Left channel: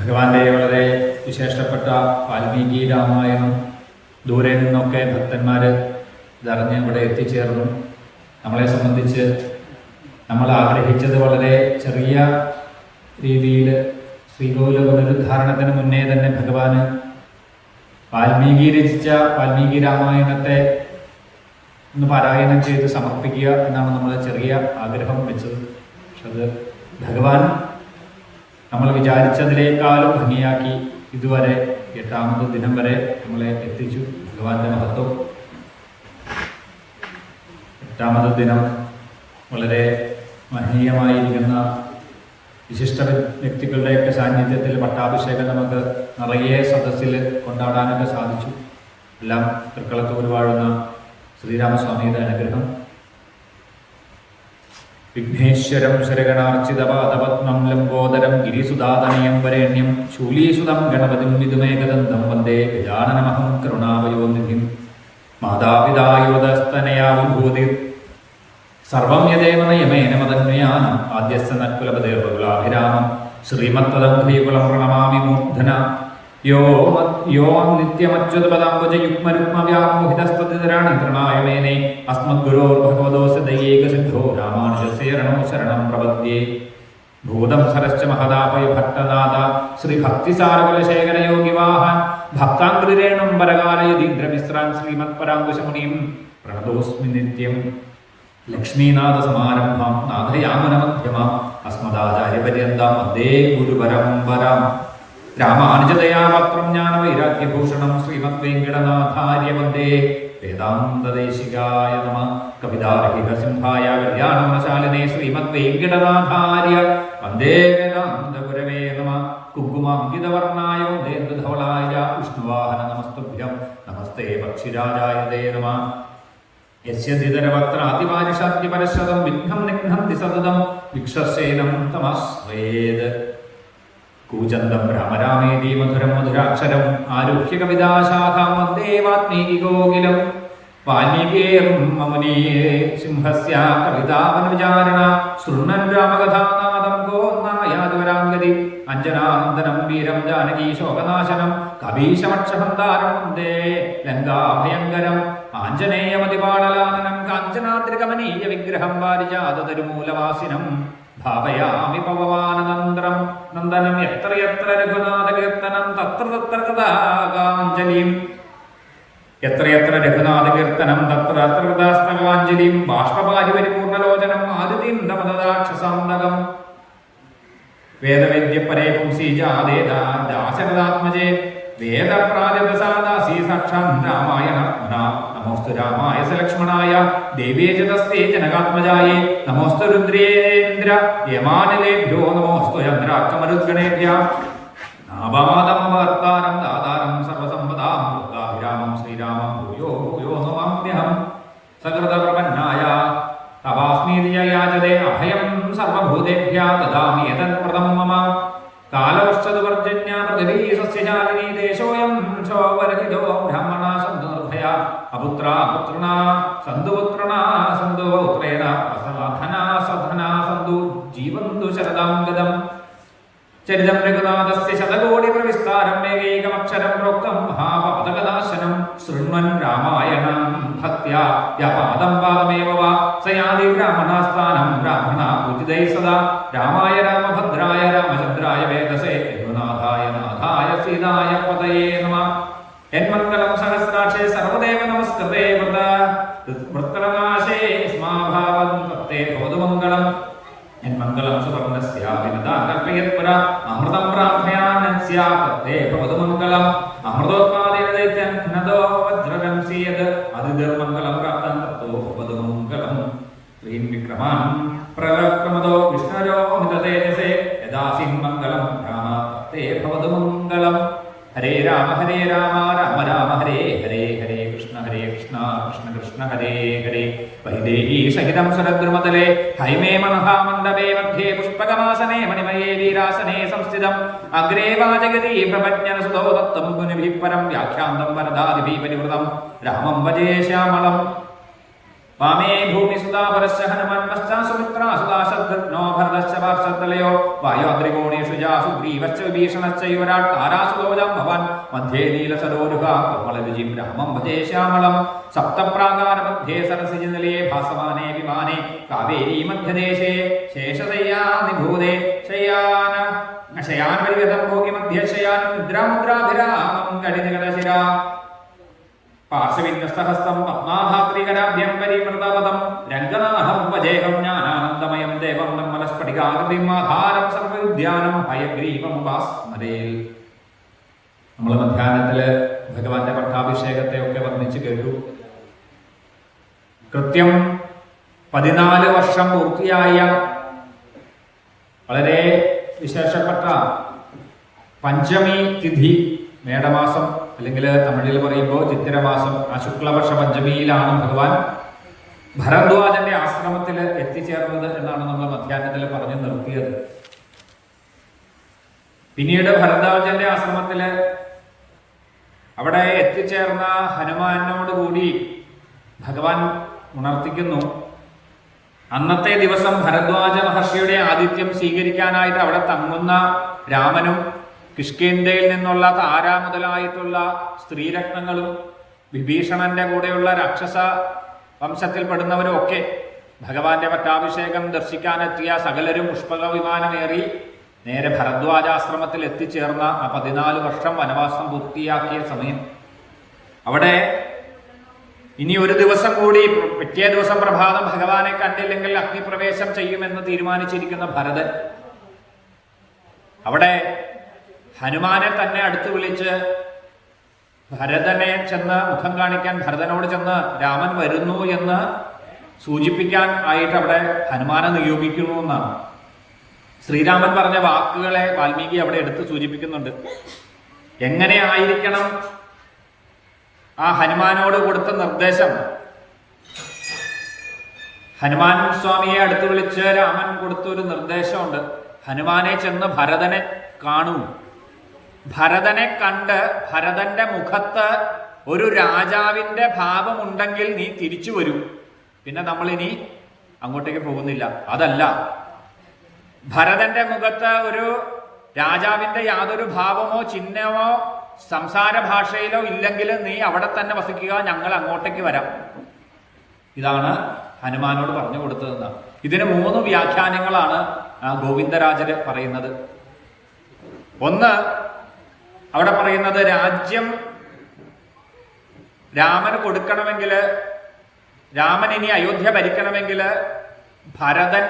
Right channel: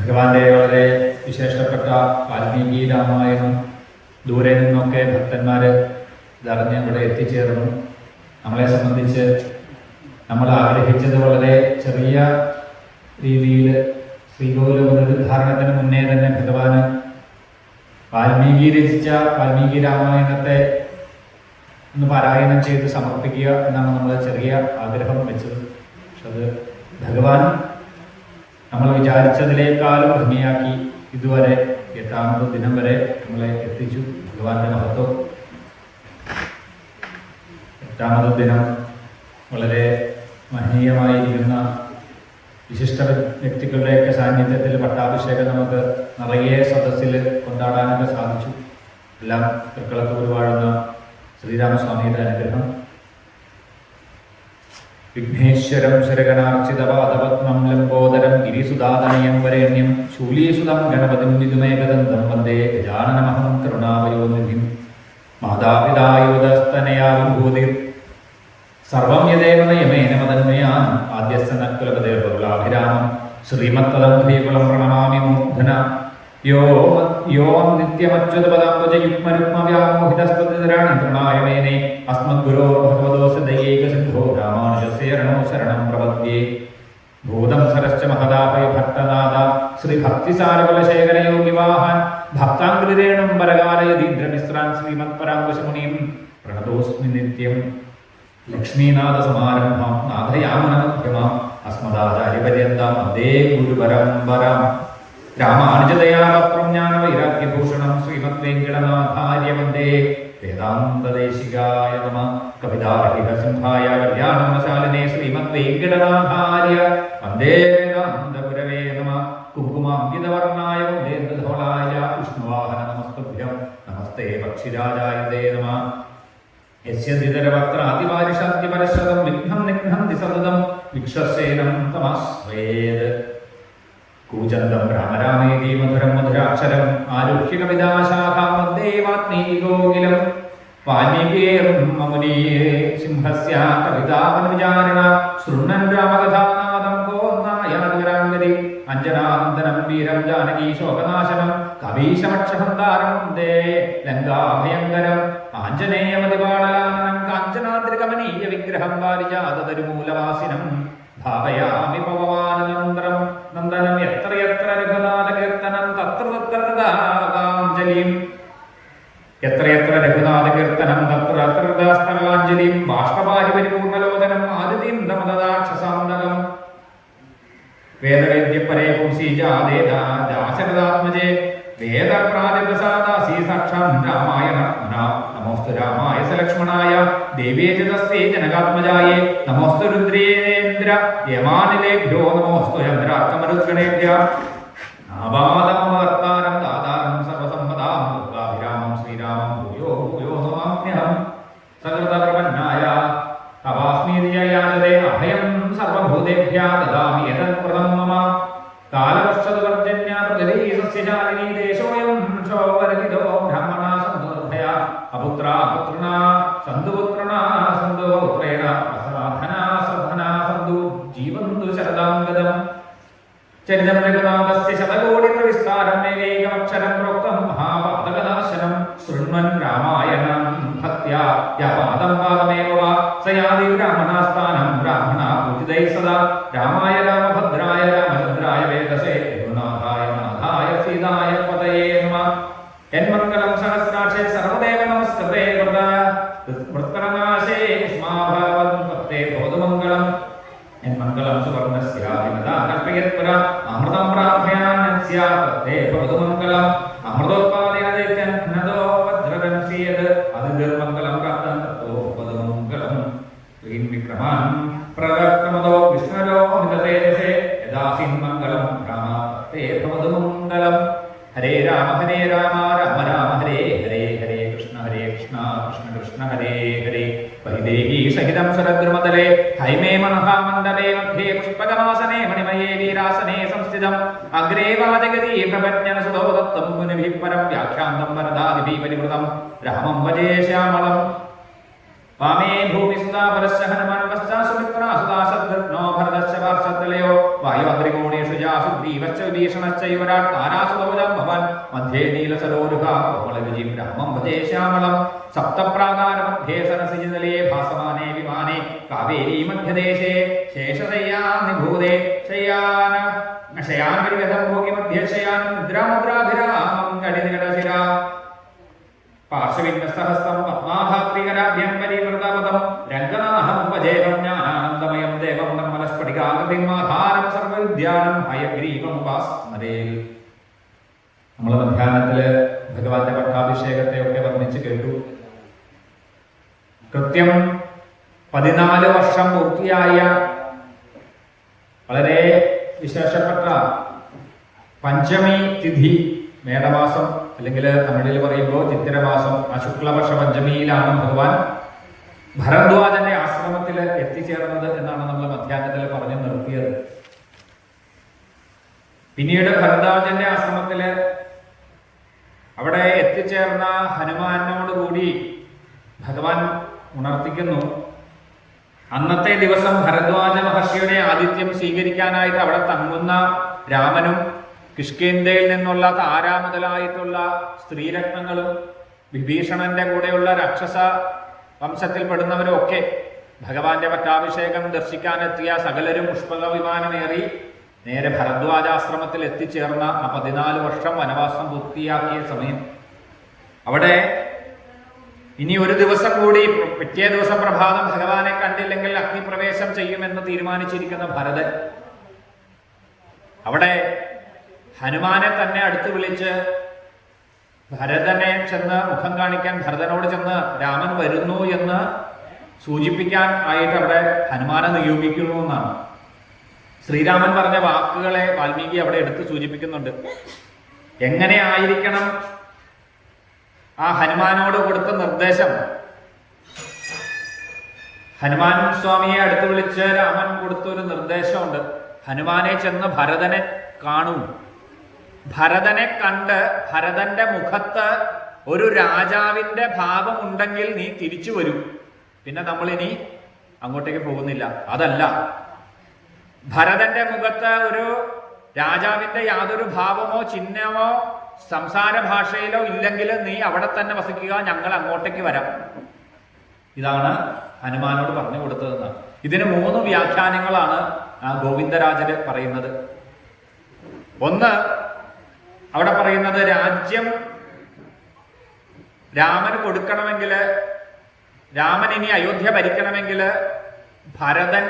ഭഗവാന്റെ വളരെ വിശേഷപ്പെട്ട വാൽമീകി രാമായണം ദൂരെ നിന്നൊക്കെ ഭക്തന്മാർ ഇതറിഞ്ഞ് ഇവിടെ എത്തിച്ചേർന്നു. നമ്മളെ സംബന്ധിച്ച് നമ്മൾ ആഗ്രഹിച്ചത് വളരെ ചെറിയ രീതിയിൽ ശ്രീകോവിൽ പുനരുദ്ധാരണത്തിന് മുന്നേ തന്നെ ഭഗവാന് വാൽമീകി രചിച്ച വാൽമീകി രാമായണത്തെ ഒന്ന് പാരായണം ചെയ്ത് സമർപ്പിക്കുക എന്നാണ് നമ്മൾ ചെറിയ ആഗ്രഹം വെച്ചത്. പക്ഷെ അത് ഭഗവാൻ നമ്മൾ വിചാരിച്ചതിനേക്കാളും ഭംഗിയാക്കി ഇതുവരെ 8ാമത് ദിനം വരെ നമ്മളെ എത്തിച്ചു. ഭഗവാന്റെ മഹത്വം. 8ാമത് ദിനം വളരെ മഹനീയമായിരിക്കുന്ന വിശിഷ്ട വ്യക്തികളുടെയൊക്കെ സാന്നിധ്യത്തിൽ പട്ടാഭിഷേകം നമുക്ക് നിറയെ സദസ്സിൽ കൊണ്ടാടാനൊക്കെ സാധിച്ചു. എല്ലാം തൃക്കളത്തൂർ വാഴുന്ന ശ്രീരാമസ്വാമിയുടെ അനുഗ്രഹം. വിഘ്നേശ്വരം ശരഗണാർച്ചിതപാദപത്മം ലംബോദരം ഗിരിസുതാതനയം വരേണ്യം ശൂലീസുതം ഗണപതിം വിദുമേകദന്തം വന്ദേ ഗജാനനമഹം കരുണാവയോനിധിം മാതാപിതായോദസ്തനയാ വിഭൂതി സർവം യദേവ യമേന മതന്മയാനം ആദ്യസ്ഥ നക്കുലപദേർവകുലാഭിരാമം ശ്രീമത്തദം ധീകുളം പ്രണമാമി മൂർധന യോ നിത്യമച്യുതപദാംബുജയുഗ്മരുഗ്മവ്യാമോഹിതസ്തതിരാണി തൃണായമേനെ അസ്മദ്ഗുരോ ഭഗവതോസ്യ ദയൈകസിന്ധോ രാമാനുജസ്യേരണോ ശരണം പ്രപദ്യേ ഭൂതം സരശ്ച മഹദാപൈ ഭക്തനാഥ ശ്രീഭക്തിസാരകുലശേഖരയോഗിവാഹാൻ ഭക്താംഗ്രിരേണം പരകാലയതീന്ദ്രമിശ്രാൻ ശ്രീമത്പരാങ്കുശമുനിം പ്രണതോസ്മി നിത്യം. ലക്ഷ്മീനാഥസമാരംഭാം നാഥയാമനമധ്യമാം അസ്മദാചാര്യപര്യന്താം വന്ദേ ഗുരുപരമ്പരാം. രാമാനുജതയാപത്രം ജ്ഞാനവൈരാഗ്യഭൂഷണം ശ്രീമദ്വേങ്കടനാഥാര്യ വന്ദേ വേദാന്തദേശികായ നമഃ. കവിതാഹിതസിംഹായ കല്യാണമശാലിനേ ശ്രീമദ്വേങ്കടനാഥാര്യ വന്ദേ വേദാന്തഗുരവേ നമഃ. കുങ്കുമാങ്കിതവർണ്ണായ വന്ദേ ധവളായ വിഷ്ണുവാഹന നമസ്തുഭ്യം. നമസ്തേ പക്ഷിരാജായ തേ നമഃ. യസ്യതിതരവക്രാതിപാരിഷാദ്യപരശതം വിഘ്നം നിഘ്നന്തി സതതം വിക്ഷസേനം തമസ്വേത്. കൂചന്തം രാമരാമേതി മധുരം മധുരാക്ഷരം ആരുഹ്യ കവിതാശാഖാം വന്ദേ വാൽമീകികോകിലം. വാൽമീകിയേറും മമുനീയേ സിംഹസ്യ കവിതാവനുചാരിണ ശൃണ്വൻ രാമകഥാനാദം ഗോന്നായാതുരാംഗതി അഞ്ജനാനന്ദനം വീരം ജാനകീ ശോകനാശനം കവീശമക്ഷഹന്താരം വന്ദേ ലങ്കാഭയങ്കരം. ആഞ്ജനേയമതിപാടലാനനം കാഞ്ചനാദ്രികമനീയ വിഗ്രഹം വാരിജാതതരുമൂലവാസിനം ഭാവയാമി പവമാനനന്ദനം നന്ദനം. എത്ര എത്ര രഘുനാഥ കീർത്തനം തത്ര തത്ര തഥാകാഞ്ജലിം. എത്ര എത്ര രഘുനാഥ കീർത്തനം തത്ര തത്ര തഥാസ്തരാഞ്ജലിം. ബാഷ്പപാരി പരിപൂർണലോചനം ആദിതീന്ദ്രമദാക്ഷസാന്തകം. വേദവേദ്യപരേ പുംസീജാദേദാസകഥാത്മജേ വേദപ്രാജപ്രസാദാസി സാക്ഷാൻ രാമായണ നമോസ്തു രാമായ സലക്ഷ്മണായ ദേവീചതസ്തേ ജനകാത്മജായേ നമോസ്തു രുദ്രേന്ദ്ര യമാനിലേഭ്യോ നമോസ്തു ചന്ദ്രാക്ഷമരുദ്ഗണേഭ്യ. ആപാദമവർത്താരം ദാതാരം സർവസമ്പദാം ഭക്താഭിരാമം ശ്രീരാമം ഭൂയോ ഭൂയോ നമാമ്യഹം. സകൃതപ്രജ്ഞായ തവാസ്മീതിയാചതേ അഭയം സർവഭൂതേഭ്യ ദദാമി ഏതത്പ്രദം മമ. കാലവർഷതുപർജന്യ പൃഥിവീ സസ്യശാലിനീ ദേശോയം ക്ഷോഭരഹിതോ ബ്രാഹ്മണാ സന്തു നിർഭയാ അപുത്രാ പുത്രണാ സന്തു പുത്രണാ സന്തു പൗത്രേണ അസധനാ സധനാ സന്തു ജീവന്തു ശരദാംഗതം. ചരിതം രഘുനാഥസ്യ ശതകോടി പ്രവിസ്താരം ഏകൈകമക്ഷരം പ്രോക്തം മഹാപാതകനാശനം. ശൃണ്വൻ രാമായണം ഭക്ത്യാ യപാദം പാദമേവ വാ സയാതി ബ്രാഹ്മണാസ്ഥാനം ബ്രാഹ്മണാ പൂജിതൈ സദാ. രാമായ രാമഭദ്രായ രാമചന്ദ്രായ വേദസേ രഘുനാഥായ നാഥായ സീതായ പതയേ നമഃ. യന്മംഗളം സഹസ്രാക്ഷേ സർവദേവ നമസ്കൃതേ വൃത്രനാശേ സ്മാഭാവം കർത്തേ ഭവതുമംഗളം. യന്മംഗളം സുവർണസ്യാഭിനദാതകേർപുര അമൃതം പ്രാപ്യാനസ്യ കർത്തേ ഭവതുമംഗളം. അമൃതോത്പാദയതേത്യൻ ഘ്നദോ വജ്രദംസീയത് അതിദുർമംഗളം പ്രാപ്തം തത്തോ ഭവതുമംഗളം. ശ്രീം വിക്രമാൻ പ്രക്രമദോ വിഷ്ണുരോ നിതേജസേ യദാസിം മംഗളം രാമ തത്തേ ഭവതുമംഗളം. ഹരേ രാമ രാമ രാമ ഹരേ ഹരേ ഹരേ കൃഷ്ണ കൃഷ്ണ കൃഷ്ണ ഹരേ ഹരേ. പരിദേഹി സഹിതം ശരദ്രുമതലേ ഹൈമേ മഹാമണ്ഡപേ മധ്യേ പുഷ്പകമാസനേ മണിമയേ വീരാസനേ സംസ്ഥിതം. അഗ്രേ വാചകതി പ്രപജ്ഞനസുതോ ദത്തം മുനിഭിः പരം വ്യാഖ്യാന്തം വരദാദിഭിः പരിവൃതം. രാമം ഭജേ ശ്യാമളം വാമേ ഭൂമിസുതാ പരശ്ച ഹനുമാൻ പശ്ചാത് സുമിത്രാ സുതാ ശത്രുഘ്നോ ഭരതശ്ച പാർശ്വതലയോ വായുഅഗ്രികോണേഷു ജാസു ഗ്രീവശ്ച വിഭീഷണശ്ച യുവരാട് താരാസുതോജം ഭവൻ മധ്യേ നീലസരോരുഹ കോമളരുചിം രാമം ഭജേ ശ്യാമളം സപ്തപ്രാകാര മധ്യേ സരസിജ നിലയേ ഭാസമാനേ വിമാനേ കാവേരീ മധ്യദേശേ ശേഷശയ്യാ നിഭൂതേ ശയാൻ ഭോഗി മധ്യേ ശയാൻ നിദ്രാമുദ്രാഭിരാമം കടിനികടശിര പാർശ്വവിന്യസ്തഹസ്തം പത്മാഭാത്രികരാഭ്യം പരിമൃതപദം രംഗനാഥം ഭജേഹം ജ്ഞാനാനന്ദമയം ദേവം നിർമ്മലസ്ഫടികാകൃതിം ആധാരം സർവവിദ്യാനം ഹയഗ്രീവമുപാസ്മരേ. നമ്മൾ മധ്യാഹ്നത്തില് ഭഗവാന്റെ പട്ടാഭിഷേകത്തെ ഒക്കെ വർണ്ണിച്ച് കേട്ടു. കൃത്യം 14 വർഷം പൂർത്തിയായ വളരെ വിശേഷപ്പെട്ട പഞ്ചമി തിഥി, മേടമാസം അല്ലെങ്കിൽ തമിഴിൽ പറയുമ്പോൾ ചിത്തിരമാസം, ആ ശുക്ലവർഷ പഞ്ചമിയിലാണ് ഭഗവാൻ ഭരദ്വാജന്റെ ആശ്രമത്തിൽ എത്തിച്ചേർന്നത് എന്നാണ് നമ്മൾ മധ്യാഹ്നത്തിൽ പറഞ്ഞു നിർത്തിയത്. പിന്നീട് ഭരദ്വാജന്റെ ആശ്രമത്തില് അവിടെ എത്തിച്ചേർന്ന ഹനുമാനോട് കൂടി ഭഗവാൻ ഉണർത്തിക്കുന്നു. അന്നത്തെ ദിവസം ഭരദ്വാജ മഹർഷിയുടെ ആതിഥ്യം സ്വീകരിക്കാനായിട്ട് അവിടെ തങ്ങുന്ന രാമനും കിഷ്കിന്ധയിൽ നിന്നുള്ള താര മുതലായിട്ടുള്ള സ്ത്രീരത്നങ്ങളും വിഭീഷണന്റെ കൂടെയുള്ള രാക്ഷസ വംശത്തിൽപ്പെടുന്നവരും ഒക്കെ ഭഗവാന്റെ പട്ടാഭിഷേകം ദർശിക്കാനെത്തിയ സകലരും പുഷ്പക വിമാനമേറി നേരെ ഭരദ്വാജാശ്രമത്തിൽ എത്തിച്ചേർന്ന ആ 14 വർഷം വനവാസം പൂർത്തിയാക്കിയ സമയം അവിടെ ഇനി ഒരു ദിവസം കൂടി, പിറ്റേ ദിവസം പ്രഭാതം ഭഗവാനെ കണ്ടില്ലെങ്കിൽ അഗ്നിപ്രവേശം ചെയ്യുമെന്ന് തീരുമാനിച്ചിരിക്കുന്ന ഭരതൻ അവിടെ ഹനുമാനെ തന്നെ അടുത്ത് വിളിച്ച് ഭരതനെ ചെന്ന് മുഖം കാണിക്കാൻ ഭരതനോട് ചെന്ന് രാമൻ വരുന്നു എന്ന് സൂചിപ്പിക്കാൻ ആയിട്ട് അവിടെ ഹനുമാനെ നിയോഗിക്കുന്നു എന്നാണ്. ശ്രീരാമൻ പറഞ്ഞ വാക്കുകളെ വാൽമീകി അവിടെ എടുത്ത് സൂചിപ്പിക്കുന്നുണ്ട്. എങ്ങനെ ആയിരിക്കണം ആ ഹനുമാനോട് കൊടുത്ത നിർദ്ദേശം? ഹനുമാൻ സ്വാമിയെ അടുത്ത് വിളിച്ച് രാമൻ കൊടുത്തൊരു നിർദ്ദേശമുണ്ട്. ഹനുമാനെ ചെന്ന് ഭരതനെ കാണൂ. ഭരതനെ കണ്ട് ഭരതന്റെ മുഖത്ത് ഒരു രാജാവിന്റെ ഭാവമുണ്ടെങ്കിൽ നീ തിരിച്ചു വരൂ. പിന്നെ നമ്മളിനി അങ്ങോട്ടേക്ക് പോകുന്നില്ല. അതല്ല, ഭരതന്റെ മുഖത്ത് ഒരു രാജാവിന്റെ യാതൊരു ഭാവമോ ചിഹ്നമോ സംസാര ഭാഷയിലോ ഇല്ലെങ്കിൽ നീ അവിടെ തന്നെ വസിക്കുക, ഞങ്ങൾ അങ്ങോട്ടേക്ക് വരാം. ഇതാണ് ഹനുമാനോട് പറഞ്ഞു കൊടുത്തതെന്നാണ്. ഇതിന് 3 വ്യാഖ്യാനങ്ങളാണ് ഗോവിന്ദരാജര് പറയുന്നത്. ഒന്ന്, അവിടെ പറയുന്നത് രാജ്യം രാമന് കൊടുക്കണമെങ്കിൽ, രാമൻ ഇനി അയോധ്യ ഭരിക്കണമെങ്കിൽ ഭരതൻ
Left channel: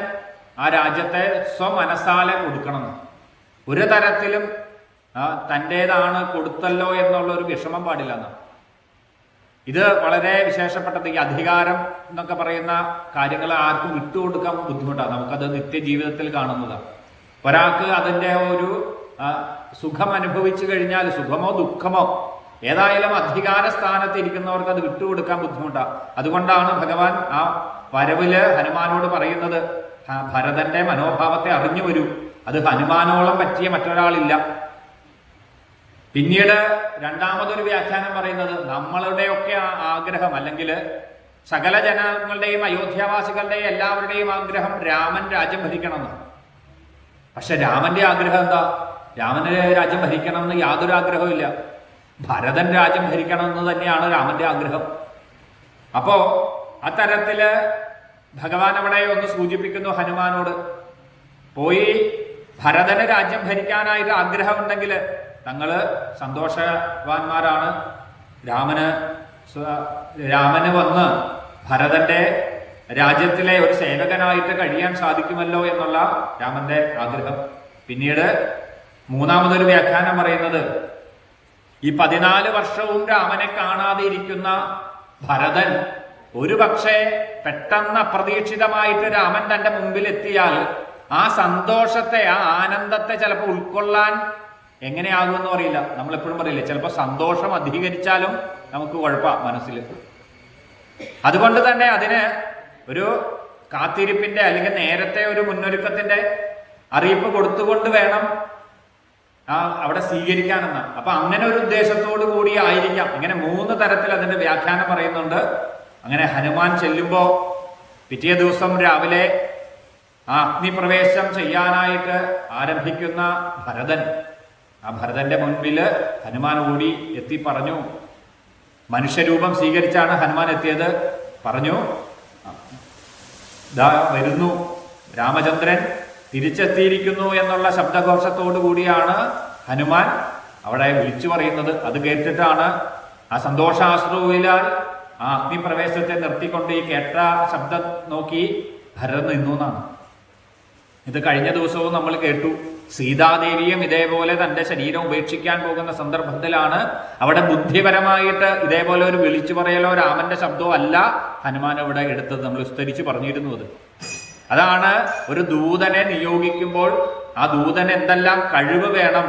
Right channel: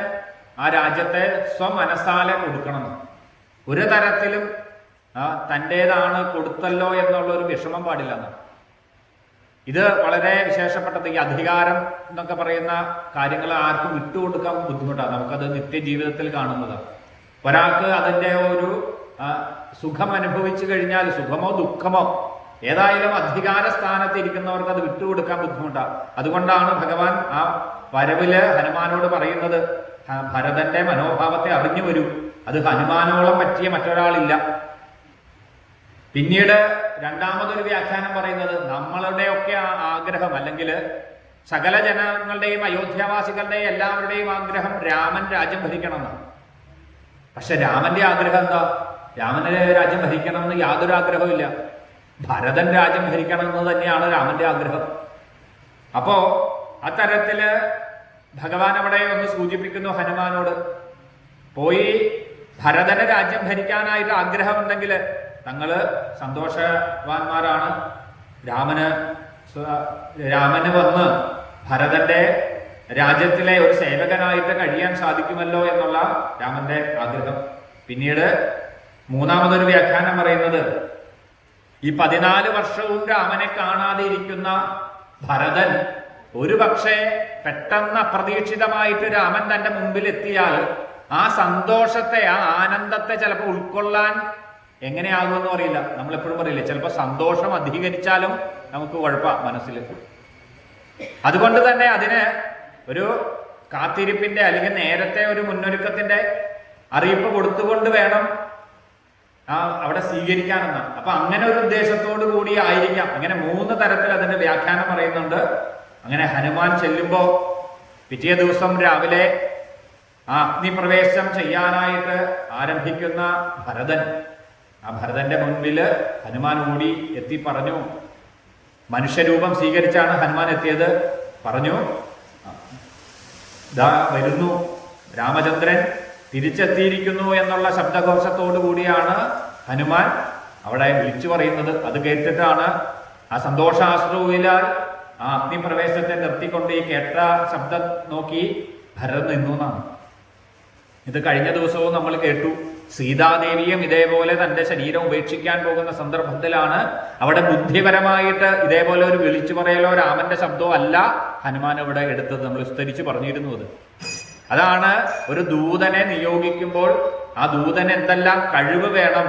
ആ രാജ്യത്തെ സ്വമനസാലെ കൊടുക്കണം. ഒരു തരത്തിലും തൻ്റേതാണ് കൊടുത്തല്ലോ എന്നുള്ളൊരു വിഷമം പാടില്ലെന്ന്. ഇത് വളരെ വിശേഷപ്പെട്ടത്. ഈ അധികാരം എന്നൊക്കെ പറയുന്ന കാര്യങ്ങൾ ആർക്കും വിട്ടുകൊടുക്കാൻ ബുദ്ധിമുട്ടാണ്. നമുക്കത് നിത്യജീവിതത്തിൽ കാണുന്നതാണ്. ഒരാൾക്ക് അതിൻ്റെ ഒരു സുഖം അനുഭവിച്ചു കഴിഞ്ഞാൽ, സുഖമോ ദുഃഖമോ ഏതായാലും അധികാര സ്ഥാനത്ത് ഇരിക്കുന്നവർക്ക് അത് വിട്ടുകൊടുക്കാൻ ബുദ്ധിമുട്ടാണ്. അതുകൊണ്ടാണ് ഭഗവാൻ ആ വരവില് ഹനുമാനോട് പറയുന്നത്, ഭരതന്റെ മനോഭാവത്തെ അറിഞ്ഞു വരൂ, അത് ഹനുമാനോളം പറ്റിയ മറ്റൊരാളില്ല. പിന്നീട് രണ്ടാമതൊരു വ്യാഖ്യാനം പറയുന്നത്, നമ്മളുടെയൊക്കെ ആഗ്രഹം അല്ലെങ്കിൽ സകല ജനങ്ങളുടെയും അയോധ്യാവാസികളുടെയും എല്ലാവരുടെയും ആഗ്രഹം രാമൻ രാജ്യം ഭരിക്കണമെന്ന്. പക്ഷെ രാമന്റെ ആഗ്രഹം എന്താ? രാമന് രാജ്യം ഭരിക്കണമെന്ന് യാതൊരു ആഗ്രഹവും ഇല്ല. ഭരതൻ രാജ്യം ഭരിക്കണമെന്ന് തന്നെയാണ് രാമന്റെ ആഗ്രഹം. അപ്പോ അത്തരത്തില് ഭഗവാൻ അവിടെ ഒന്ന് സൂചിപ്പിക്കുന്നു ഹനുമാനോട്, പോയി ഭരതന് രാജ്യം ഭരിക്കാനായിട്ട് ആഗ്രഹമുണ്ടെങ്കിൽ തങ്ങള് സന്തോഷവാന്മാരാണ്. രാമന് വന്ന് ഭരതന്റെ രാജ്യത്തിലെ ഒരു സേവകനായിട്ട് കഴിയാൻ സാധിക്കുമല്ലോ എന്നുള്ള രാമന്റെ ആഗ്രഹം. പിന്നീട് മൂന്നാമതൊരു വ്യാഖ്യാനം പറയുന്നത്, ഈ 14 വർഷവും രാമനെ കാണാതെ ഇരിക്കുന്ന ഭരതൻ ഒരു പക്ഷേ പെട്ടെന്ന് അപ്രതീക്ഷിതമായിട്ട് രാമൻ തന്റെ മുമ്പിൽ എത്തിയാൽ ആ സന്തോഷത്തെ, ആ ആനന്ദത്തെ ചിലപ്പോൾ ഉൾക്കൊള്ളാൻ എങ്ങനെയാകുമെന്നും അറിയില്ല. നമ്മളെപ്പോഴും പറയില്ല, ചിലപ്പോൾ സന്തോഷം അധികരിച്ചാലും നമുക്ക് കുഴപ്പമാണ് മനസ്സിൽ. അതുകൊണ്ട് തന്നെ അതിന് ഒരു കാത്തിരിപ്പിന്റെ അല്ലെങ്കിൽ നേരത്തെ ഒരു മുന്നൊരുക്കത്തിന്റെ അറിയിപ്പ് കൊടുത്തുകൊണ്ട് വേണം അവിടെ സ്വീകരിക്കാനെന്നാണ്. അപ്പൊ അങ്ങനെ ഒരു ഉദ്ദേശത്തോടു കൂടി ആയിരിക്കാം. അങ്ങനെ 3 തരത്തിൽ അതിന്റെ വ്യാഖ്യാനം പറയുന്നുണ്ട്. അങ്ങനെ ഹനുമാൻ ചെല്ലുമ്പോൾ പിറ്റേ ദിവസം രാവിലെ ആ അഗ്നിപ്രവേശം ചെയ്യാനായിട്ട് ആരംഭിക്കുന്ന ഭരതൻ, ആ ഭരതന്റെ മുൻപിൽ ഹനുമാൻ ഓടി എത്തി പറഞ്ഞു, മനുഷ്യരൂപം സ്വീകരിച്ചാണ് ഹനുമാൻ എത്തിയത്. പറഞ്ഞു, ദാ വരുന്നു, രാമചന്ദ്രൻ തിരിച്ചെത്തിയിരിക്കുന്നു എന്നുള്ള ശബ്ദഘോഷത്തോടു കൂടിയാണ് ഹനുമാൻ അവിടെ വിളിച്ചു പറയുന്നത്. അത് കേട്ടിട്ടാണ് ആ സന്തോഷാശ്രുവിലാൽ ആ അഗ്നിപ്രവേശത്തെ നിർത്തിക്കൊണ്ട് ഈ കേട്ട ശബ്ദം നോക്കി ഭരതൻ നിന്നു എന്നാണ്. ഇത് കഴിഞ്ഞ ദിവസവും നമ്മൾ കേട്ടു. സീതാദേവിയും ഇതേപോലെ തന്റെ ശരീരം ഉപേക്ഷിക്കാൻ പോകുന്ന സന്ദർഭത്തിലാണ് അവിടെ ബുദ്ധിപരമായിട്ട് ഇതേപോലെ ഒരു വിളിച്ചു പറയലോ രാമന്റെ ശബ്ദമോ അല്ല ഹനുമാൻ ഇവിടെ എടുത്തത്. നമ്മൾ വിസ്തരിച്ച് പറഞ്ഞിരുന്നു. അതാണ് ഒരു ദൂതനെ നിയോഗിക്കുമ്പോൾ ആ ദൂതന് എന്തെല്ലാം കഴിവ് വേണം,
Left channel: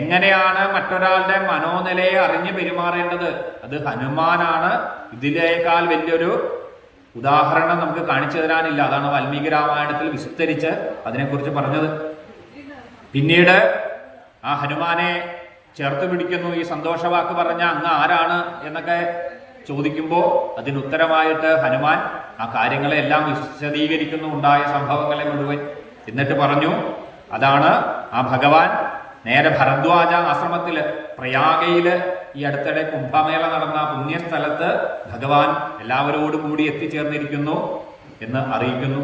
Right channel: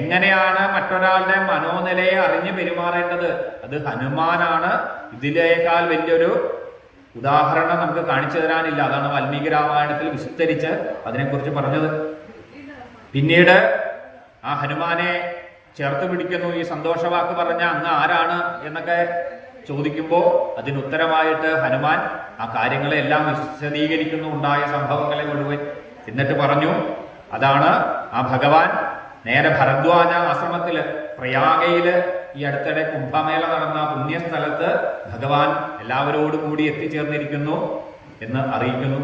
എങ്ങനെയാണ് മറ്റൊരാളുടെ മനോനിലയെ അറിഞ്ഞു പെരുമാറേണ്ടത്, അത് ഹനുമാനാണ്. ഇതിനേക്കാൾ വലിയൊരു ഉദാഹരണം നമുക്ക് കാണിച്ചു തരാനില്ല. അതാണ് വാൽമീകി രാമായണത്തിൽ വിസ്തരിച്ച് അതിനെക്കുറിച്ച് പറഞ്ഞത്. പിന്നീട് ആ ഹനുമാനെ ചേർത്ത് പിടിക്കുന്നു. ഈ സന്തോഷവാക്ക് പറഞ്ഞ അങ്ങ് ആരാണ് എന്നൊക്കെ ചോദിക്കുമ്പോൾ അതിനുത്തരമായിട്ട് ഹനുമാൻ ആ കാര്യങ്ങളെല്ലാം വിശദീകരിക്കുന്നു, ഉണ്ടായ സംഭവങ്ങളെ മുഴുവൻ. എന്നിട്ട് പറഞ്ഞു, അതാണ് ആ ഭഗവാൻ നേരെ ഭരദ്വാജ ആശ്രമത്തില് പ്രയാഗയില് ഈ അടുത്തിടെ കുംഭമേള നടന്ന പുണ്യസ്ഥലത്ത് ഭഗവാൻ എല്ലാവരോടും കൂടി എത്തിച്ചേർന്നിരിക്കുന്നു എന്ന് അറിയിക്കുന്നു.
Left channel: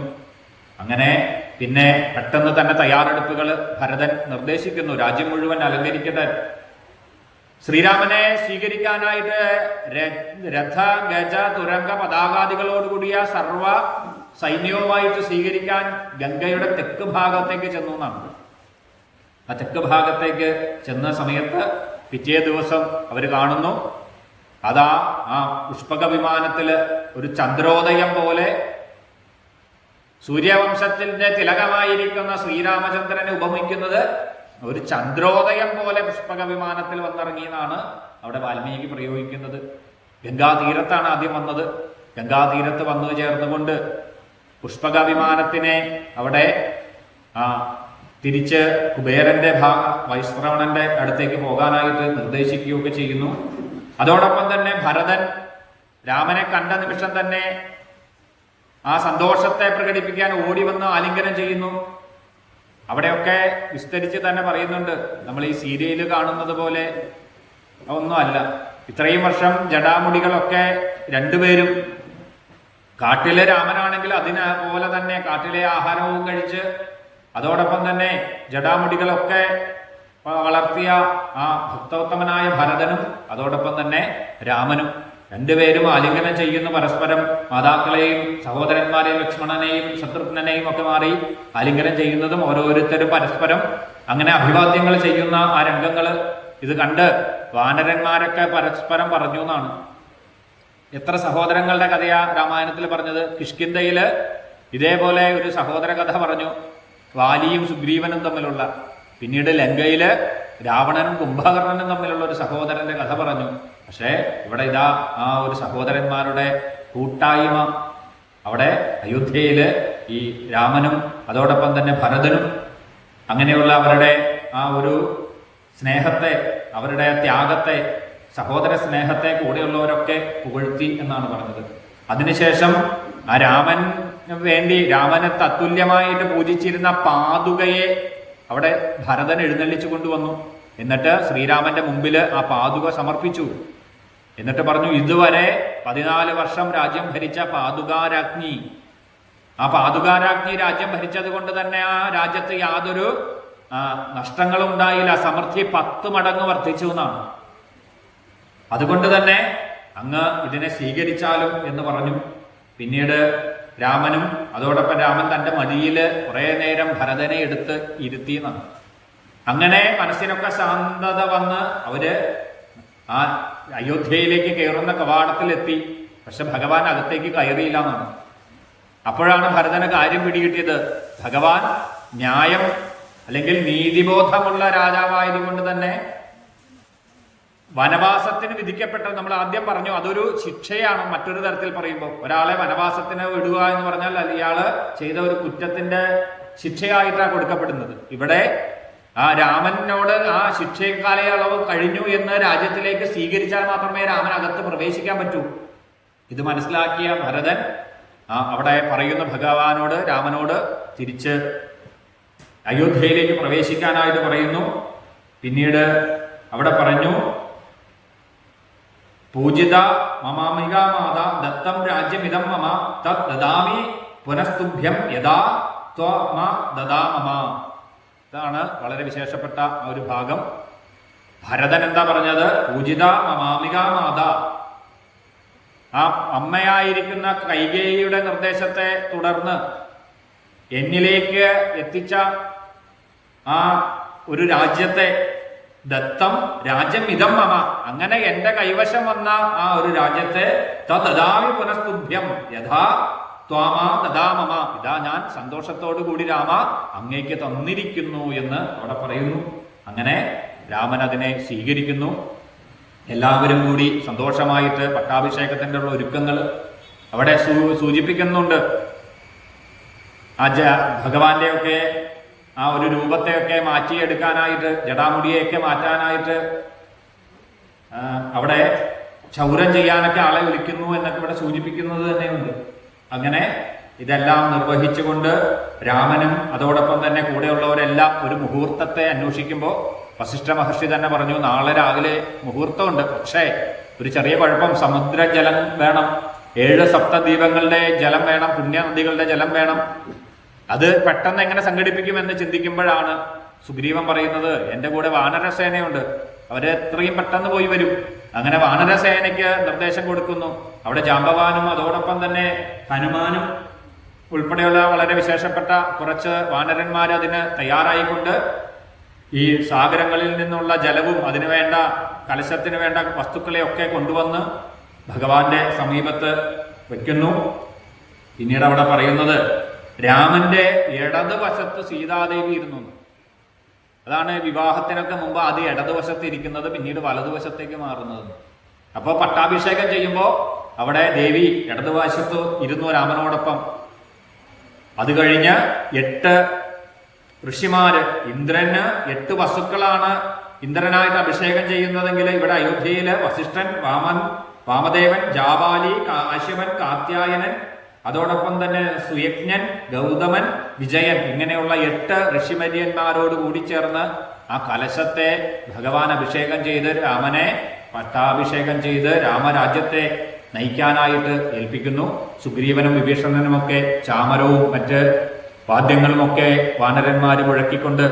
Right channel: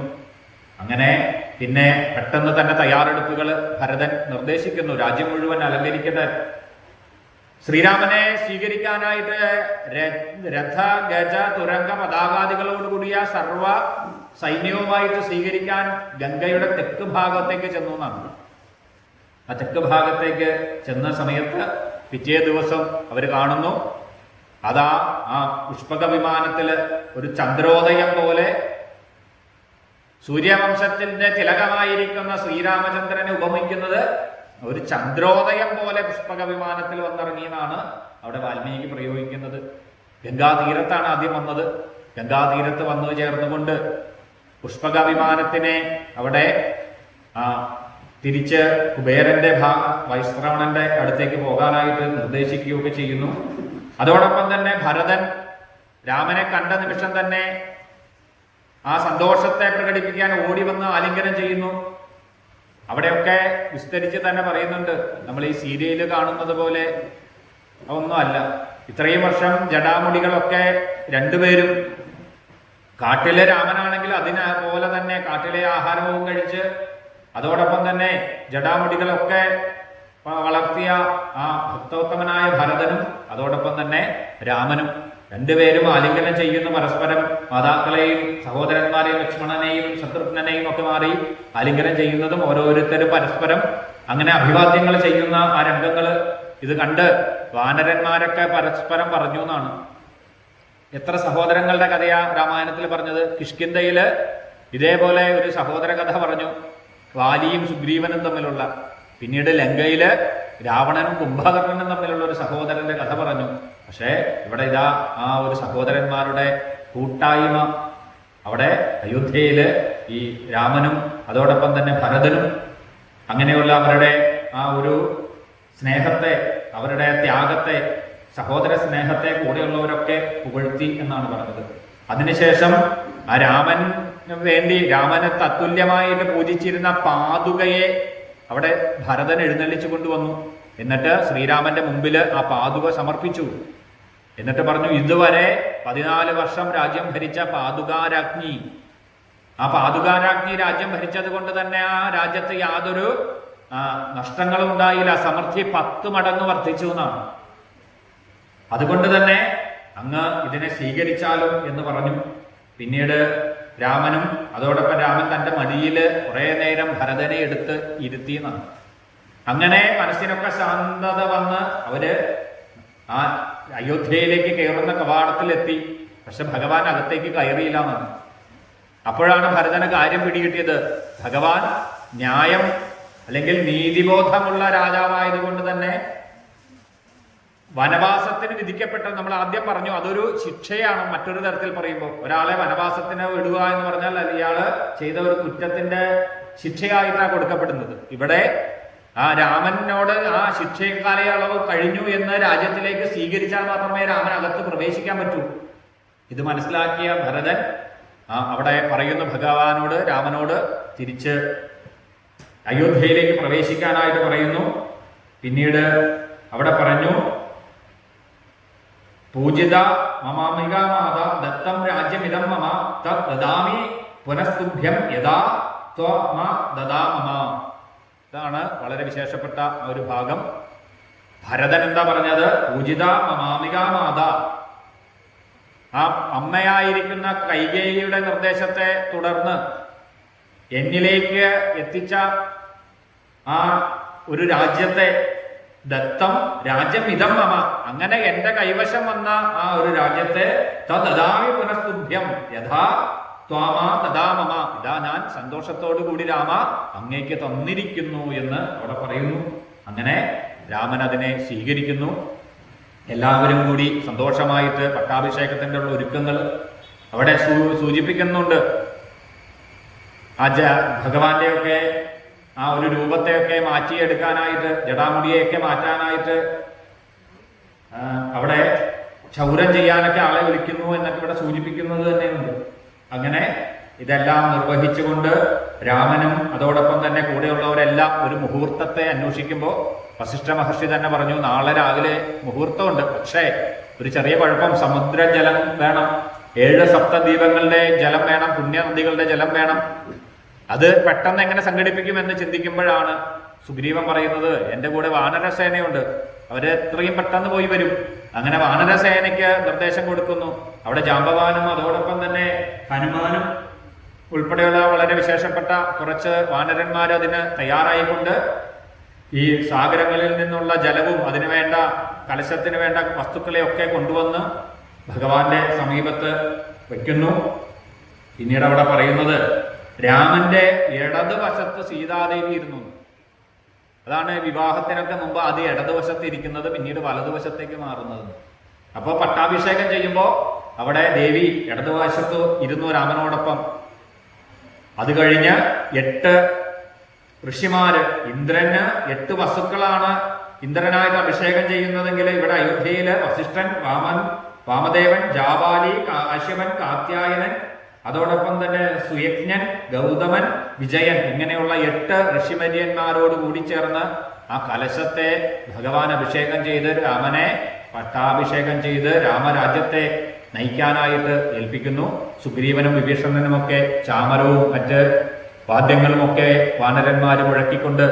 അങ്ങനെ പിന്നെ പെട്ടെന്ന് തന്നെ തയ്യാറെടുപ്പുകൾ ഭരതൻ നിർദ്ദേശിക്കുന്നു. രാജ്യം മുഴുവൻ അലങ്കരിക്കട്ടെ. ശ്രീരാമനെ സ്വീകരിക്കാനായിട്ട് രഥ, ഗജ, തുരങ്ക, പതാകാദികളോടുകൂടിയ സർവ സൈന്യവുമായിട്ട് സ്വീകരിക്കാൻ ഗംഗയുടെ തെക്ക് ഭാഗത്തേക്ക് ചെന്നു എന്നാണ്. ആ തെക്ക് ഭാഗത്തേക്ക് ചെന്ന സമയത്ത് പിറ്റേ ദിവസം അവർ കാണുന്നു, അതാ ആ പുഷ്പക വിമാനത്തില് ഒരു ചന്ദ്രോദയം പോലെ സൂര്യവംശത്തിന്റെ തിലകമായിരിക്കുന്ന ശ്രീരാമചന്ദ്രനെ ഉപമിക്കുന്നത് ഒരു ചന്ദ്രോദയം പോലെ പുഷ്പക വിമാനത്തിൽ വന്നിറങ്ങിയെന്നാണ് അവിടെ വാൽമീകി പ്രയോഗിക്കുന്നത്. ഗംഗാതീരത്താണ് ആദ്യം വന്നത്. ഗംഗാതീരത്ത് വന്നു ചേർന്നുകൊണ്ട് പുഷ്പക വിമാനത്തിനെ അവിടെ തിരിച്ച് കുബേരന്റെ വൈശ്രവണന്റെ അടുത്തേക്ക് പോകാനായിട്ട് നിർദ്ദേശിക്കുകയൊക്കെ ചെയ്യുന്നു. അതോടൊപ്പം തന്നെ ഭരതൻ രാമനെ കണ്ട നിമിഷം തന്നെ ആ സന്തോഷത്തെ പ്രകടിപ്പിക്കാൻ ഓടി വന്ന് ആലിംഗനം ചെയ്യുന്നു. അവിടെയൊക്കെ വിസ്തരിച്ച് തന്നെ പറയുന്നുണ്ട്. നമ്മൾ ഈ സീരിയല് കാണുന്നത് പോലെ ഒന്നുമല്ല. ഇത്രയും വർഷം ജടാമുടികളൊക്കെ രണ്ടുപേരും കാട്ടിലെ രാമനാണെങ്കിൽ അതിനെപ്പോലെ തന്നെ കാട്ടിലെ ആഹാരവും കഴിച്ച് അതോടൊപ്പം തന്നെ ജടാമുടികളൊക്കെ വളർത്തിയ ആ ഭക്തോത്തമനായ ഭരതനും അതോടൊപ്പം തന്നെ രാമനും രണ്ടുപേരും ആലിംഗനം ചെയ്യുന്ന പരസ്പരം മാതാക്കളെയും സഹോദരന്മാരെയും ലക്ഷ്മണനെയും ശത്രുഘ്നെയും ഒക്കെ മാറി ആലിംഗനം ചെയ്യുന്നതും ഓരോരുത്തരും പരസ്പരം അങ്ങനെ അഭിവാദ്യങ്ങൾ ചെയ്യുന്ന ആ രംഗങ്ങൾ ഇത് കണ്ട് വാനരന്മാരൊക്കെ പരസ്പരം പറഞ്ഞു എന്നാണ്. എത്ര സഹോദരങ്ങളുടെ കഥയാ രാമായണത്തിൽ പറഞ്ഞത്. കിഷ്കിന്ധയില് ഇതേപോലെ ഒരു സഹോദര കഥ പറഞ്ഞു, വാലിയും സുഗ്രീവനും തമ്മിലുള്ള. പിന്നീട് ലങ്കയില് രാവണനും കുംഭകർണനും തമ്മിലുള്ള ഒരു സഹോദരന്റെ കഥ പറഞ്ഞു. പക്ഷേ ഇവിടെ ഇതാ ആ ഒരു സഹോദരന്മാരുടെ കൂട്ടായ്മ അവിടെ അയോധ്യയില് ഈ രാമനും അതോടൊപ്പം തന്നെ ഭരതനും അങ്ങനെയുള്ള അവരുടെ ആ ഒരു സ്നേഹത്തെ, അവരുടെ ത്യാഗത്തെ, സഹോദര സ്നേഹത്തെ കൂടെയുള്ളവരൊക്കെ പുകഴ്ത്തി എന്നാണ് പറഞ്ഞത്. അതിനുശേഷം ആ രാമന് വേണ്ടി രാമനെ തത്തുല്യമായിട്ട് പൂജിച്ചിരുന്ന പാതുകയെ അവിടെ ഭരതൻ എഴുന്നള്ളിച്ചു കൊണ്ടുവന്നു. എന്നിട്ട് ശ്രീരാമന്റെ മുമ്പിൽ ആ പാതുക സമർപ്പിച്ചു. എന്നിട്ട് പറഞ്ഞു, ഇതുവരെ 14 വർഷം രാജ്യം ഭരിച്ച പാതുകാരാജ്ഞി, ആ പാതുകാരാജ്ഞി രാജ്യം ഭരിച്ചത് കൊണ്ട് തന്നെ ആ രാജ്യത്ത് യാതൊരു നഷ്ടങ്ങളും ഉണ്ടായില്ല. സമൃദ്ധി 10 മടങ്ങ് വർദ്ധിച്ചു എന്നാണ്. അതുകൊണ്ട് തന്നെ അങ്ങ് ഇതിനെ സ്വീകരിച്ചാലും എന്ന് പറഞ്ഞു. പിന്നീട് രാമനും അതോടൊപ്പം രാമൻ തന്റെ മടിയില് കുറെ നേരം ഭരതനെ എടുത്ത് ഇരുത്തി എന്നാണ്. അങ്ങനെ മനസ്സിനൊക്കെ ശാന്തത വന്ന് അവര് ആ അയോധ്യയിലേക്ക് കയറുന്ന കവാടത്തിലെത്തി. പക്ഷെ ഭഗവാൻ അകത്തേക്ക് കയറിയില്ല എന്നാണ്. അപ്പോഴാണ് ഭരതന് കാര്യം പിടികിട്ടിയത്. ഭഗവാൻ ന്യായം അല്ലെങ്കിൽ നീതിബോധമുള്ള രാജാവായതുകൊണ്ട് തന്നെ വനവാസത്തിന് വിധിക്കപ്പെട്ട, നമ്മൾ ആദ്യം പറഞ്ഞു, അതൊരു ശിക്ഷയാണ്. മറ്റൊരു തരത്തിൽ പറയുമ്പോൾ ഒരാളെ വനവാസത്തിന് വിടുക എന്ന് പറഞ്ഞാൽ ഇയാള് ചെയ്ത ഒരു കുറ്റത്തിന്റെ ശിക്ഷയായിട്ടാണ് കൊടുക്കപ്പെടുന്നത്. ഇവിടെ ആ രാമനോട് ആ ശിക്ഷ കാലയളവ് കഴിഞ്ഞു എന്ന് രാജ്യത്തിലേക്ക് സ്വീകരിച്ചാൽ മാത്രമേ രാമൻ അകത്ത് പ്രവേശിക്കാൻ പറ്റൂ. ഇത് മനസ്സിലാക്കിയ ഭരതൻ അവിടെ പറയുന്ന ഭഗവാനോട്, രാമനോട് തിരിച്ച് അയോധ്യയിലേക്ക് പ്രവേശിക്കാനായിട്ട് പറയുന്നു. പിന്നീട് അവിടെ പറഞ്ഞു, പൂജിത മമാമിക മാത ദത്തം രാജ്യമിതം മമ ദദാമി പുനസ്തുഭ്യം യഥാ ത്വമ ദദാമമ. ഇതാണ് വളരെ വിശേഷപ്പെട്ട ഒരു ഭാഗം. ഭരതൻ എന്താ പറഞ്ഞത്? പൂജിത മമാമിക മാത, ആ അമ്മയായിരിക്കുന്ന കൈകേയിയുടെ നിർദ്ദേശത്തെ തുടർന്ന് എന്നിലേക്ക് എത്തിച്ച ആ ഒരു രാജ്യത്തെ, ദത്തം രാജ്യം ഇതം മമ, അങ്ങനെ എന്റെ കൈവശം വന്ന ആ ഒരു രാജ്യത്തെ തദാമി പുനസ്തുഭ്യം യഥാ ത്വാമ ദദാമമ, ഇതാ ഞാൻ സന്തോഷത്തോടു കൂടി രാമ അങ്ങേക്ക് തന്നിരിക്കുന്നു എന്ന് അവിടെ പറയുന്നു. അങ്ങനെ രാമൻ അതിനെ സ്വീകരിക്കുന്നു. എല്ലാവരും കൂടി സന്തോഷമായിട്ട് പട്ടാഭിഷേകത്തിന്റെ ഉള്ള ഒരുക്കങ്ങൾ അവിടെ സൂചിപ്പിക്കുന്നുണ്ട്. ആ ഭഗവാന്റെയൊക്കെ ആ ഒരു രൂപത്തെയൊക്കെ മാറ്റിയെടുക്കാനായിട്ട്, ജടാമുടിയൊക്കെ മാറ്റാനായിട്ട് അവിടെ ക്ഷൗരം ചെയ്യാനൊക്കെ ആളെ വിളിക്കുന്നു എന്നൊക്കെ ഇവിടെ സൂചിപ്പിക്കുന്നത് തന്നെയുണ്ട്. അങ്ങനെ ഇതെല്ലാം നിർവഹിച്ചുകൊണ്ട് രാമനും അതോടൊപ്പം തന്നെ കൂടെയുള്ളവരെല്ലാം ഒരു മുഹൂർത്തത്തെ അന്വേഷിക്കുമ്പോൾ വസിഷ്ഠ മഹർഷി തന്നെ പറഞ്ഞു, നാളെ രാവിലെ മുഹൂർത്തമുണ്ട്, പക്ഷേ ഒരു ചെറിയ കുഴപ്പം, സമുദ്രജലം വേണം, 7 സപ്തദ്വീപങ്ങളുടെ ജലം വേണം, പുണ്യനദികളുടെ ജലം വേണം. അത് പെട്ടെന്ന് എങ്ങനെ സംഘടിപ്പിക്കുമെന്ന് ചിന്തിക്കുമ്പോഴാണ് സുഗ്രീവൻ പറയുന്നത്, എൻ്റെ കൂടെ വാനരസേനയുണ്ട്, അവര് എത്രയും പെട്ടെന്ന് പോയി വരും. അങ്ങനെ വാനരസേനയ്ക്ക് നിർദ്ദേശം കൊടുക്കുന്നു. അവിടെ ജാമ്പവാനും അതോടൊപ്പം തന്നെ ഹനുമാനും ഉൾപ്പെടെയുള്ള വളരെ വിശേഷപ്പെട്ട കുറച്ച് വാനരന്മാർ അതിന് തയ്യാറായിക്കൊണ്ട് ഈ സാഗരങ്ങളിൽ നിന്നുള്ള ജലവും അതിനു വേണ്ട കലശത്തിന് വേണ്ട വസ്തുക്കളെയൊക്കെ കൊണ്ടുവന്ന് ഭഗവാന്റെ സമീപത്ത് വെക്കുന്നു. പിന്നീട് അവിടെ പറയുന്നത്, രാമന്റെ ഇടതുവശത്ത് സീതാദേവി ഇരുന്നു. അതാണ് വിവാഹത്തിനൊക്കെ മുമ്പ് ആദ്യം ഇടതുവശത്ത് ഇരിക്കുന്നത്, പിന്നീട് വലതുവശത്തേക്ക് മാറുന്നത്. അപ്പോൾ പട്ടാഭിഷേകം ചെയ്യുമ്പോൾ അവിടെ ദേവി ഇടതുവശത്ത് ഇരുന്നു രാമനോടൊപ്പം. അത് കഴിഞ്ഞ് 8 ഋഷിമാര്, ഇന്ദ്രന് 8 വസുക്കളാണ് ഇന്ദ്രനായിട്ട് അഭിഷേകം ചെയ്യുന്നതെങ്കിൽ ഇവിടെ അയോധ്യയില് വസിഷ്ഠൻ, വാമദേവൻ, ജാബാലി, കാശ്യപൻ, കാത്യായനൻ, അതോടൊപ്പം തന്നെ സുയജ്ഞൻ, ഗൗതമൻ, വിജയൻ, ഇങ്ങനെയുള്ള 8 ഋഷിമര്യന്മാരോട് കൂടി ചേർന്ന് ആ കലശത്തെ ഭഗവാൻ അഭിഷേകം ചെയ്ത് രാമനെ പട്ടാഭിഷേകം ചെയ്ത് രാമരാജ്യത്തെ നയിക്കാനായിട്ട് ഏൽപ്പിക്കുന്നു. സുഗ്രീവനും വിഭീഷണനുമൊക്കെ ചാമരവും മറ്റ് വാദ്യങ്ങളുമൊക്കെ വാനരന്മാർ മുഴക്കിക്കൊണ്ട്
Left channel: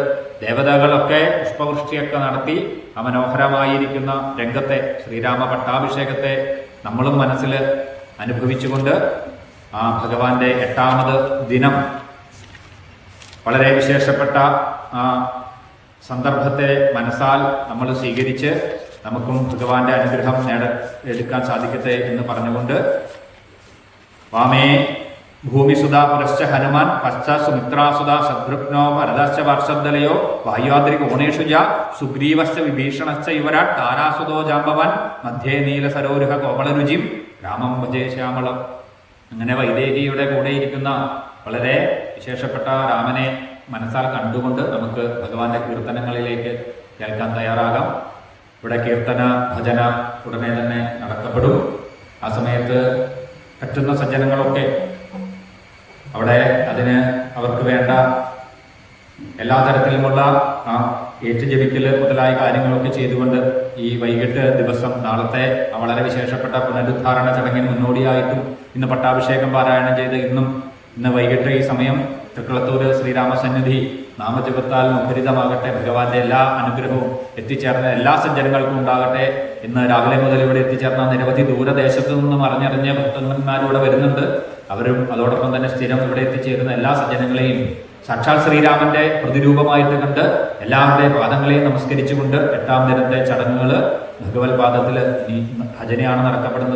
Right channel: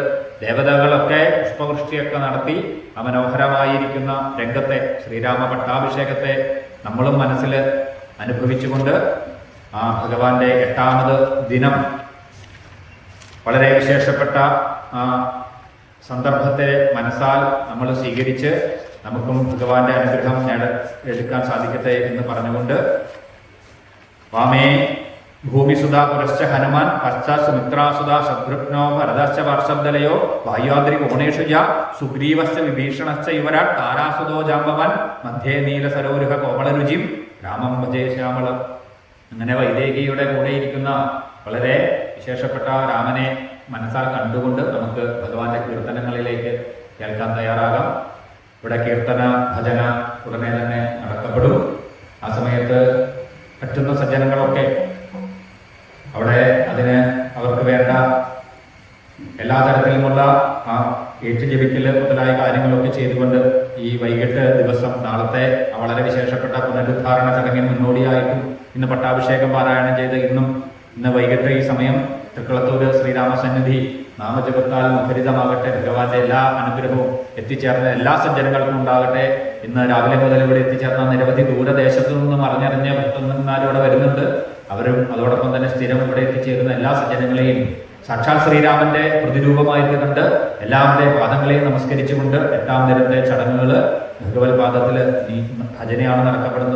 ദേവതകളൊക്കെ പുഷ്പവൃഷ്ടിയൊക്കെ നടത്തി ആ മനോഹരമായിരിക്കുന്ന രംഗത്തെ, ശ്രീരാമ പട്ടാഭിഷേകത്തെ നമ്മളും മനസ്സിൽ അനുഭവിച്ചുകൊണ്ട് ആ ഭഗവാന്റെ 8ാമത് ദിനം വളരെ വിശേഷപ്പെട്ട ആ സന്ദർഭത്തെ മനസ്സാൽ നമ്മൾ സ്വീകരിച്ച് നമുക്കും ഭഗവാന്റെ അനുഗ്രഹം എടുക്കാൻ സാധിക്കട്ടെ എന്ന് പറഞ്ഞുകൊണ്ട്, വാമേ ഭൂമിസുധാ പുരശ്ച ഹനുമാൻ പശ്ചാത് സുമിത്രാസുധാ ശത്രുഘ്നോ ഭരതശ്ച വാർഷദ്ദലയോ വായുവാദ്രി കോണേഷുജ സുഗ്രീവശ്ച വിഭീഷണശ്ച യുവരാട് താരാസുതോ ജാമ്പവാൻ മധ്യേ നീല സരോരുഹ കോമളരുചിം രാമം ഭജേ ശ്യാമളം. അങ്ങനെ വൈദേഹിയുടെ കൂടെയിരിക്കുന്ന വളരെ വിശേഷപ്പെട്ട രാമനെ മനസ്സാൽ കണ്ടുകൊണ്ട് നമുക്ക് ഭഗവാന്റെ കീർത്തനങ്ങളിലേക്ക് കേൾക്കാൻ തയ്യാറാകാം. ഇവിടെ കീർത്തന ഭജന ഉടനെ തന്നെ നടത്തപ്പെടും. ആ സമയത്ത് പറ്റുന്ന സജ്ജനങ്ങളൊക്കെ അവിടെ അതിന് അവർക്ക് വേണ്ട എല്ലാ തരത്തിലുമുള്ള ആ ഏറ്റുജപിക്കല് മുതലായ കാര്യങ്ങളൊക്കെ ചെയ്തുകൊണ്ട് ഈ വൈകിട്ട് ദിവസം നാളത്തെ വളരെ വിശേഷപ്പെട്ട പുനരുദ്ധാരണ ചടങ്ങിന് മുന്നോടിയായിട്ടും ഇന്ന് പട്ടാഭിഷേകം പാരായണം ചെയ്ത് ഇന്ന് വൈകിട്ട് ഈ സമയം തൃക്കുളത്തൂര് ശ്രീരാമസന്നിധി നാമജപത്താൽ മുഖരിതമാകട്ടെ. ഭഗവാന്റെ എല്ലാ അനുഗ്രഹവും എത്തിച്ചേർന്ന എല്ലാ സജ്ജനങ്ങൾക്കും ഉണ്ടാകട്ടെ. ഇന്ന് രാവിലെ മുതൽ ഇവിടെ എത്തിച്ചേർന്ന നിരവധി ദൂരദേശത്തു നിന്നും അറിഞ്ഞറിഞ്ഞ ഭക്തന്മാരോട് വരുന്നുണ്ട്. അവരും അതോടൊപ്പം തന്നെ സ്ഥിരം ഇവിടെ എത്തിച്ചേരുന്ന എല്ലാ സജ്ജനങ്ങളെയും സാക്ഷാൽ ശ്രീരാമന്റെ പ്രതിരൂപമായിട്ട് കണ്ട് എല്ലാവരുടെയും പാദങ്ങളെയും നമസ്കരിച്ചുകൊണ്ട് 8ാം ദിനത്തെ ചടങ്ങുകൾ ഭഗവത് പാദത്തിൽ ഈ ഭജനയാണ് നടത്തപ്പെടുന്നത്.